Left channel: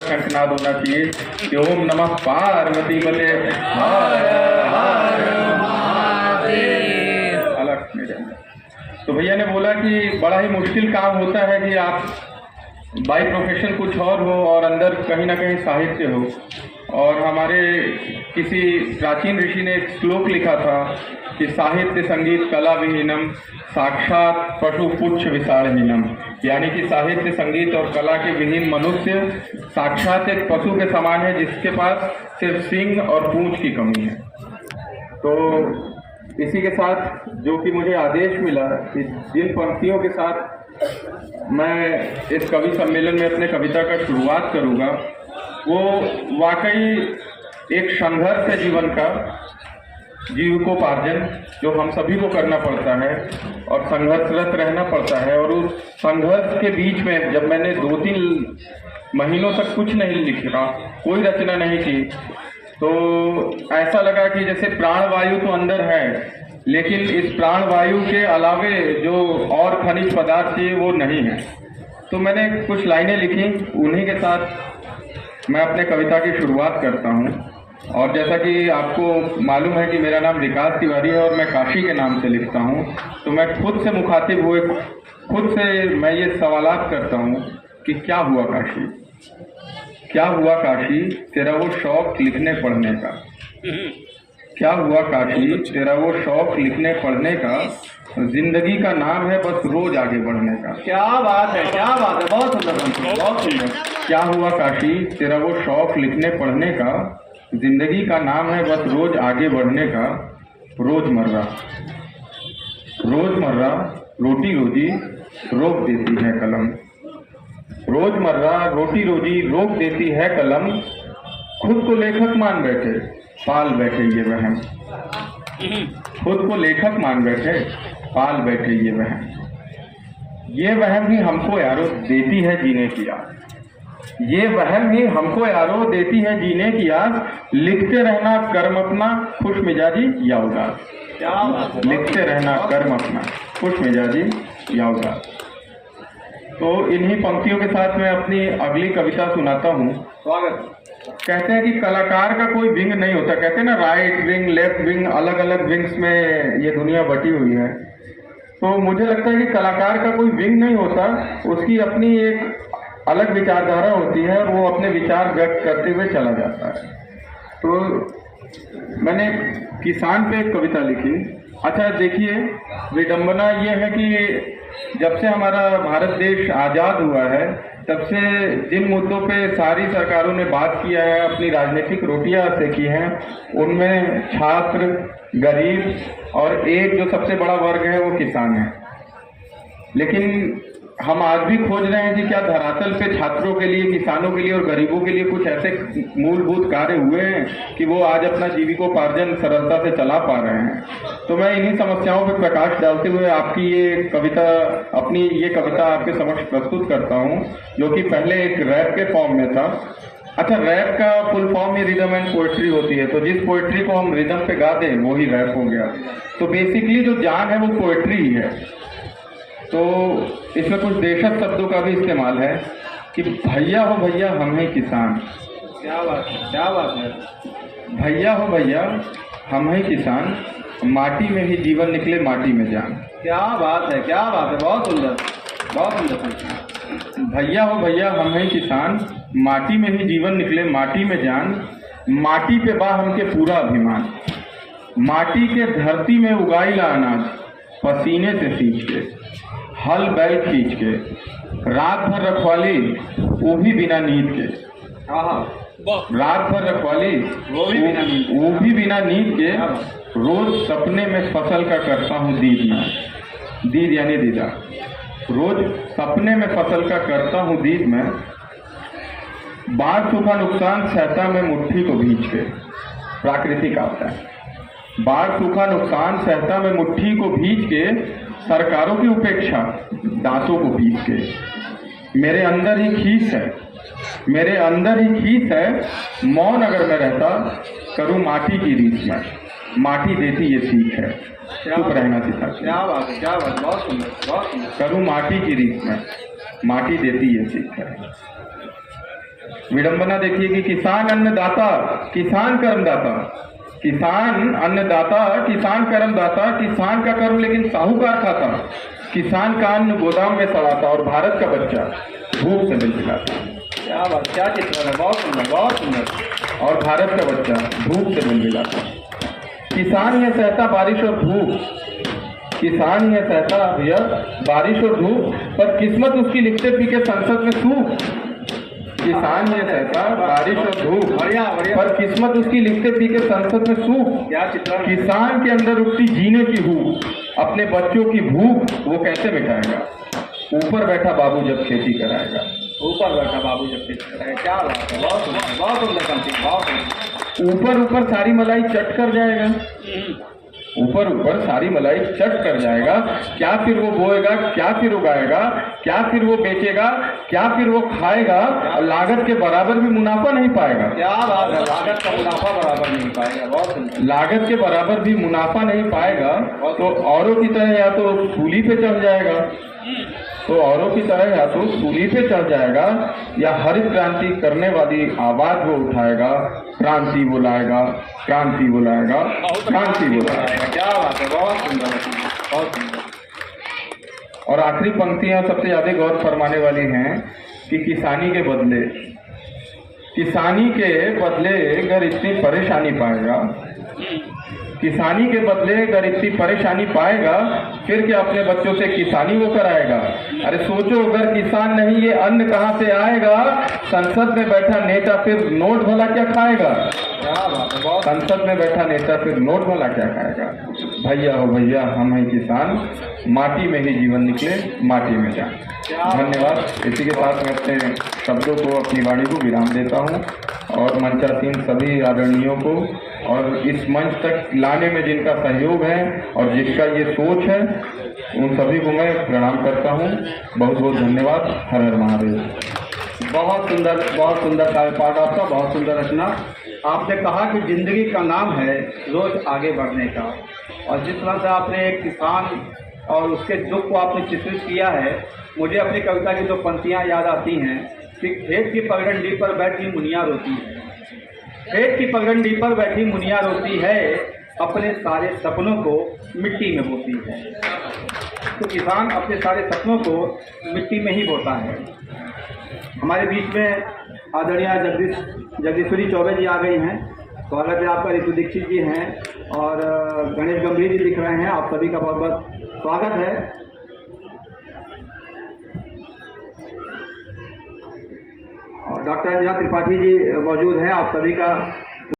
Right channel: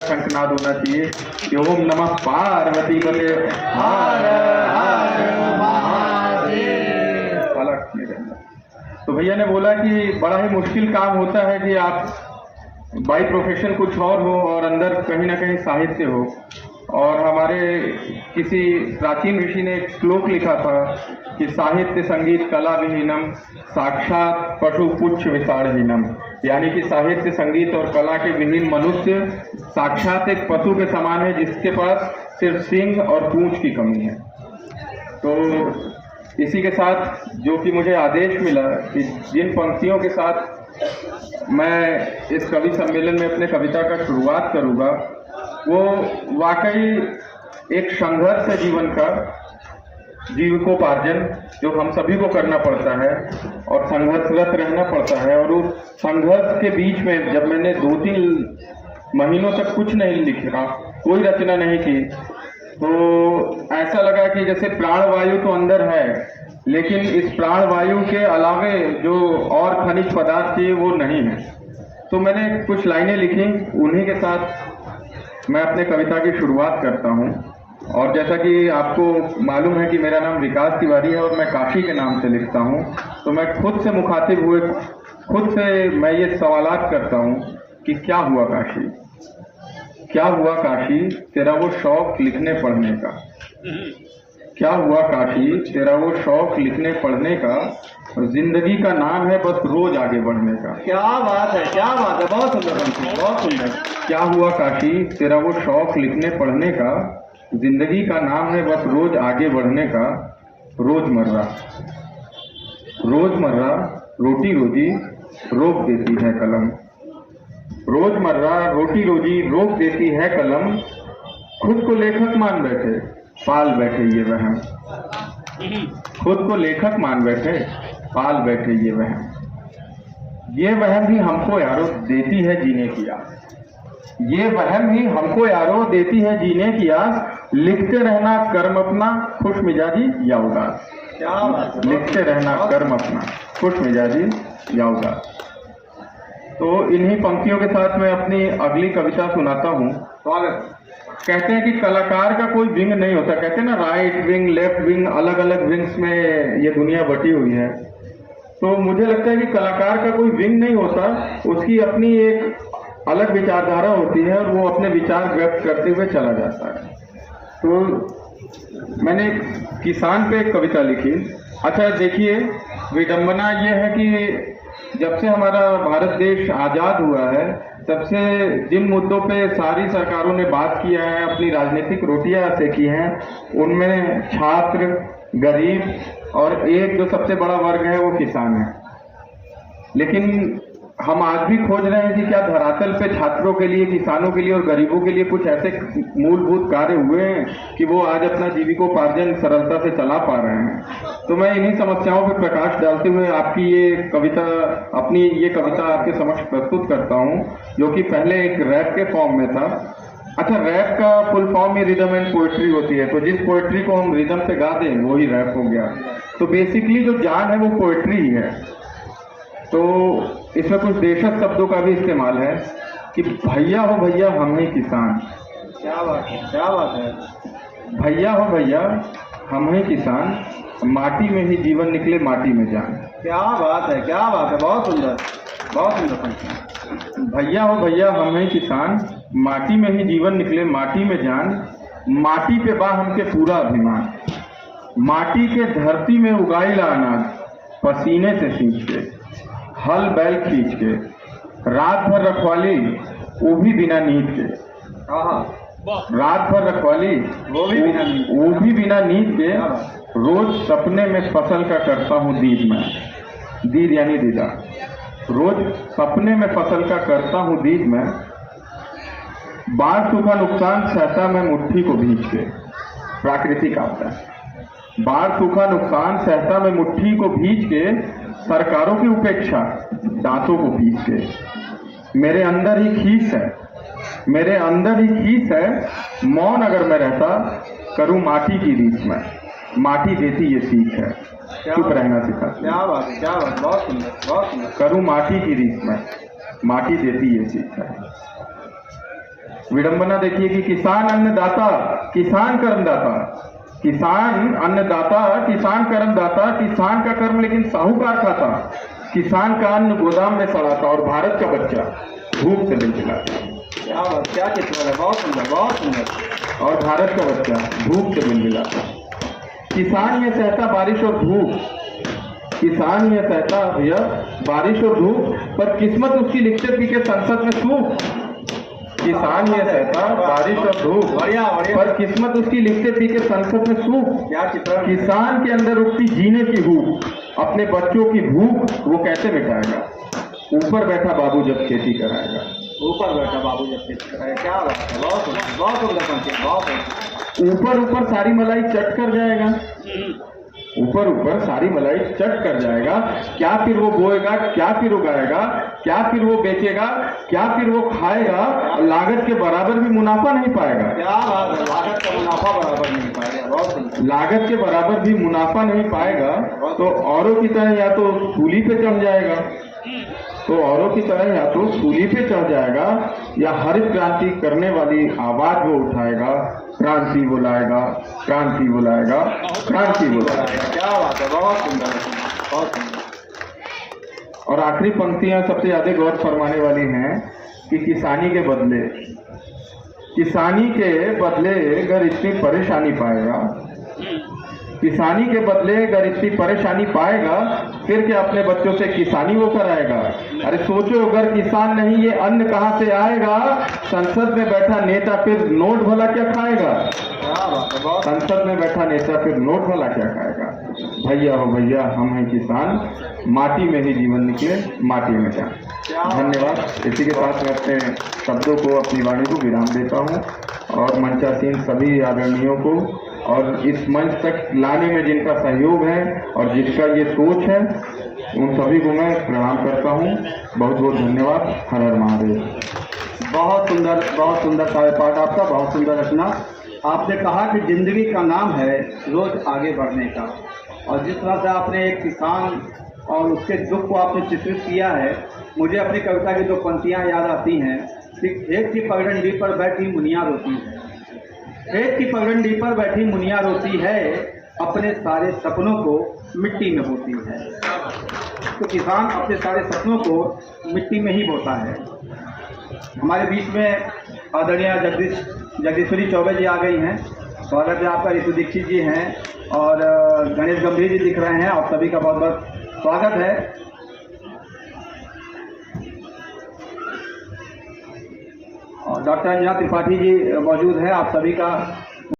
शंखनाद होना चाहिए कि ओम नमः पार्वती बले अलग मेरे अंदर। तो भैया ने बोला कि बड़ा ही मुश्किल काम होता है कि आप बाई प्रोफेशन कुछ और हो और अंदर कहीं ना कहीं साहित्य हो। और हमारे किसी प्राचीन ऋषि ने एक श्लोक लिखा था कि साहित्य संगीत कला विहीनम साक्षात पशु पुच्छ विसारहीनम, यानी कि साहित्य संगीत और कला के विहीन मनुष्य साक्षात एक पशु के समान है जिसके पास सिर्फ सींग और पूंछ की कमी है। तो इसी के साथ जो कि मुझे आदेश मिला कि जिन पंक्तियों के साथ मैं इस कवि सम्मेलन में अपने कविता का शुरुआत करूँगा वो वाकई एक संघर्ष है जीवन का, जीविकोपार्जन जो हम सभी को करना पड़ता है और संघर्षरत रहना पड़ता है। और उस संघर्ष के बीच में जब मैंने 2-3 महीनों तक कुछ नहीं लिखा, कोई रचना नहीं की, तो ऐसा लगा कि जैसे प्राणवायु तो अंदर है लेकिन इस प्राणवायु के अलावे जो और खनिज पदार्थ थे वो नहीं है। तो मैंने कुछ लाइनें लिखी, उन्हीं के साथ मैं अपने कविता की शुरुआत करता हूँ। और जैसा कि आपको मालूम है कि मेरा नाम विकास तिवारी है और मैं काशी के नाम से लिखता हूँ, तो मैं खुद से मुखातिब हुए खुद से मैं ये सवालात करता हूँ कि क्या हुआ काशी, क्या हुआ काशी तेरा वो शौक लिखने पढ़ने का, क्या हुआ काशी तेरा वो शौक लिखने पढ़ने का, जिंदगी का नाम है बस रोज आगे बढ़ने का। क्या बात है, क्या बात है, बहुत सुंदर, बहुत सुंदर। क्या हुआ काशी तेरा वो शौक लिखने पढ़ने का, जिंदगी का नाम है बस रोज आगे बढ़ने का। रोजमर्रा रोजमर्रा रोटी रोजी रोक देती है कलम, रोजमर्रा रोटी रोजी रोक देती है कलम। खुद को लेखक मान बैठे पाल बैठे ये वहम, खुद को लेखक मान बैठे पाल बैठे ये वहम ही हमको यारो देती है जीने की आस, ये वहम ही हमको यारो देती है जीने की आस। लिखते रहना कर्म अपना खुश मिजाजी या उदास, लिखते रहना कर्म अपना खुश मिजाजी या उदास। तो इन्हीं पंक्तियों के साथ मैं अपनी अगली कविता सुनाता हूँ। स्वागत। कहते हैं कि कलाकार का कोई विंग नहीं होता, कहते हैं ना राइट विंग लेफ्ट विंग, अलग अलग विंग्स में ये दुनिया बटी हुई है। तो मुझे लगता है कि कलाकार का कोई विंग नहीं होता, उसकी अपनी एक अलग विचारधारा होती है और वो अपने विचार व्यक्त करते हुए चला जाता है। तो मैंने किसान पे एक कविता लिखी। अच्छा देखिए, विडंबना ये है कि जब से हमारा भारत देश आज़ाद हुआ है तब से जिन मुद्दों पे सारी सरकारों ने बात किया है, अपनी राजनीतिक रोटियां सेकी हैं, उनमें छात्र, गरीब और एक जो सबसे बड़ा वर्ग है वो किसान है। लेकिन हम आज भी खोज रहे हैं कि क्या धरातल पे छात्रों के लिए, किसानों के लिए और गरीबों के लिए कुछ ऐसे मूलभूत कार्य हुए हैं कि वो आज अपना जीविकोपार्जन सरलता से चला पा रहे हैं। तो मैं इन्हीं समस्याओं पर प्रकाश डालते हुए आपकी ये कविता, अपनी ये कविता आपके समक्ष प्रस्तुत करता हूँ, जो कि पहले एक रैप के फॉर्म में था। अच्छा, रैप का full form he rhythm and poetry होती है, तो जिस पोइट्री को हम रिदम पे गा दें वो ही रैप हो गया। तो बेसिकली जो जान है वो पोइट्री ही है। तो इसमें कुछ देशज शब्दों का भी इस्तेमाल है कि भैया हो भैया हम ही किसान। क्या बात है, क्या बात है। भैया हो भैया हम ही किसान, माटी में ही जीवन निकले माटी में जान। क्या बात है, क्या बात है, बहुत सुंदर, बहुत सुंदर। भैया हो भैया हम ही किसान, माटी में ही जीवन निकले माटी में जान। माटी पे बा हमके पूरा अभिमान, माटी के धरती में उगाईला अनाज, पसीने से सींच के हल बैल खींच के, रात भर रखवाली वो भी बिना नींद के, रात भर रखवाली वो भी बिना नींद के, रोज सपने में फसल का करता हूँ दीद में, दीद यानी दीदा, रोज सपने में फसल का करता हूँ दीद में। बाढ़ सूखा नुकसान सहता मैं मुट्ठी को भींच के, प्राकृतिक आपदा है। बाढ़ सूखा नुकसान सहता मैं मुट्ठी को भींच के, सरकारों की उपेक्षा दांतों को पीस के। मेरे अंदर ही खीस है, मेरे अंदर ही खीस है, मौन अगर मैं रहता करूं माटी की रीस में, माटी देती ये सीख है, चुप रहना सिखा। क्या बात है, क्या बात, बहुत सुंदर, बहुत सुंदर। करूं माटी की रीस में, माटी देती ये सीख है। विडंबना देखिए कि किसान अन्नदाता, किसान कर्मदाता, किसान अन्नदाता, किसान कर्मदाता, किसान का कर्म लेकिन साहूकार खाता, किसान का अन्न गोदाम में सड़ाता और भारत का बच्चा भूख से मिलमिलाता। क्या बात, क्या चित्र है, बहुत सुंदर, बहुत सुंदर। और भारत का बच्चा धूप से मिलमिलाता। किसान यह सहता बारिश और धूप, किसान यह सहता भैया बारिश और धूप, पर किस्मत उसकी लिखते पी के संसद में सूख। किसान यह सहता बारिश और धूप, बढ़िया बढ़िया। पर किस्मत उसकी लिखते पी के संसद में सूख। क्या चित्र। किसान के अंदर उठती जीने की भूख, अपने बच्चों की भूख वो कैसे मिटाएगा? ऊपर बैठा बाबू जब खेती कराएगा। ऊपर बैठा बाबू जब खेती कराएगा। क्या बात है, बहुत सुंदर, बहुत सुंदर पंक्ति, बहुत सुंदर। ऊपर ऊपर सारी मलाई चट कर जाएगा, ऊपर ऊपर सारी मलाई चट कर जाएगा। क्या फिर वो बोएगा, क्या फिर उगाएगा, क्या फिर वो बेचेगा, क्या फिर वो खाएगा, और लागत के बराबर भी मुनाफा नहीं पाएगा। क्या बात है, लागत का मुनाफा बराबर नहीं पाएगा। बहुत सुंदर। लागत के बराबर भी मुनाफा नहीं पाएगा तो औरों की तरह या तो सूली पे चढ़ जाएगा, तो औरों की तरह या तो सूली पे चढ़ जाएगा, या हरित क्रांति करने वाली आवाज वो उठाएगा, क्रांति बुलाएगा, क्रांति बुलाएगा, क्रांति बुलाएगा। क्या बात है, बहुत सुंदर, बहुत सुंदर। और आखिरी पंक्तियां सबसे ज्यादा गौर फरमाने वाली हैं कि किसानी के बदले, किसानी के बदले अगर इतनी परेशानी पाएगा, किसानी के बदले अगर इतनी परेशानी पाएगा, फिर क्या अपने बच्चों से किसानी वो कराएगा? अरे सोचो, अगर किसान नहीं ये अन्न कहाँ से आएगा? संसद में बैठा नेता फिर नोट भला क्या खाएगा? क्या बात है, बहुत। संसद में बैठा नेता फिर नोट भला क्या खाएगा? भैया हो भैया, हम हैं किसान, माटी में ही जीवन निकले, माटी में जाए। धन्यवाद। इसी के साथ मैं अपने शब्दों को, अपनी वाणी को विराम देता हूँ, और मंचासीन सभी आदरणीयों को और इस मंच तक लाने में जिनका सहयोग है और जिसका ये सोच है, उन सभी को मैं प्रणाम करता हूँ। बहुत बहुत धन्यवाद। हर हर महादेव। बहुत सुंदर कार्यपाठ आपका, बहुत सुंदर रचना। आपने कहा कि जिंदगी का नाम है रोज आगे बढ़ने का, और जिस तरह से आपने एक किसान और उसके दुख को आपने चित्रित किया है, मुझे अपनी कविता की दो पंक्तियाँ याद आती हैं कि खेत की पगडंडी पर बैठी मुनिया रोती है, खेत की पगडंडी पर बैठी मुनिया रोती है, अपने सारे सपनों को मिट्टी में बोती है। तो किसान अपने सारे सपनों को मिट्टी में ही बोता है। हमारे बीच में आदरणीय जगदीश्वरी चौबे जी आ गई हैं। स्वागत है आपका। ऋतु दीक्षित जी हैं और गणेश गंभीर जी दिख रहे हैं। आप सभी का बहुत बहुत स्वागत है। और डॉक्टर अंजना त्रिपाठी जी मौजूद हैं। आप सभी का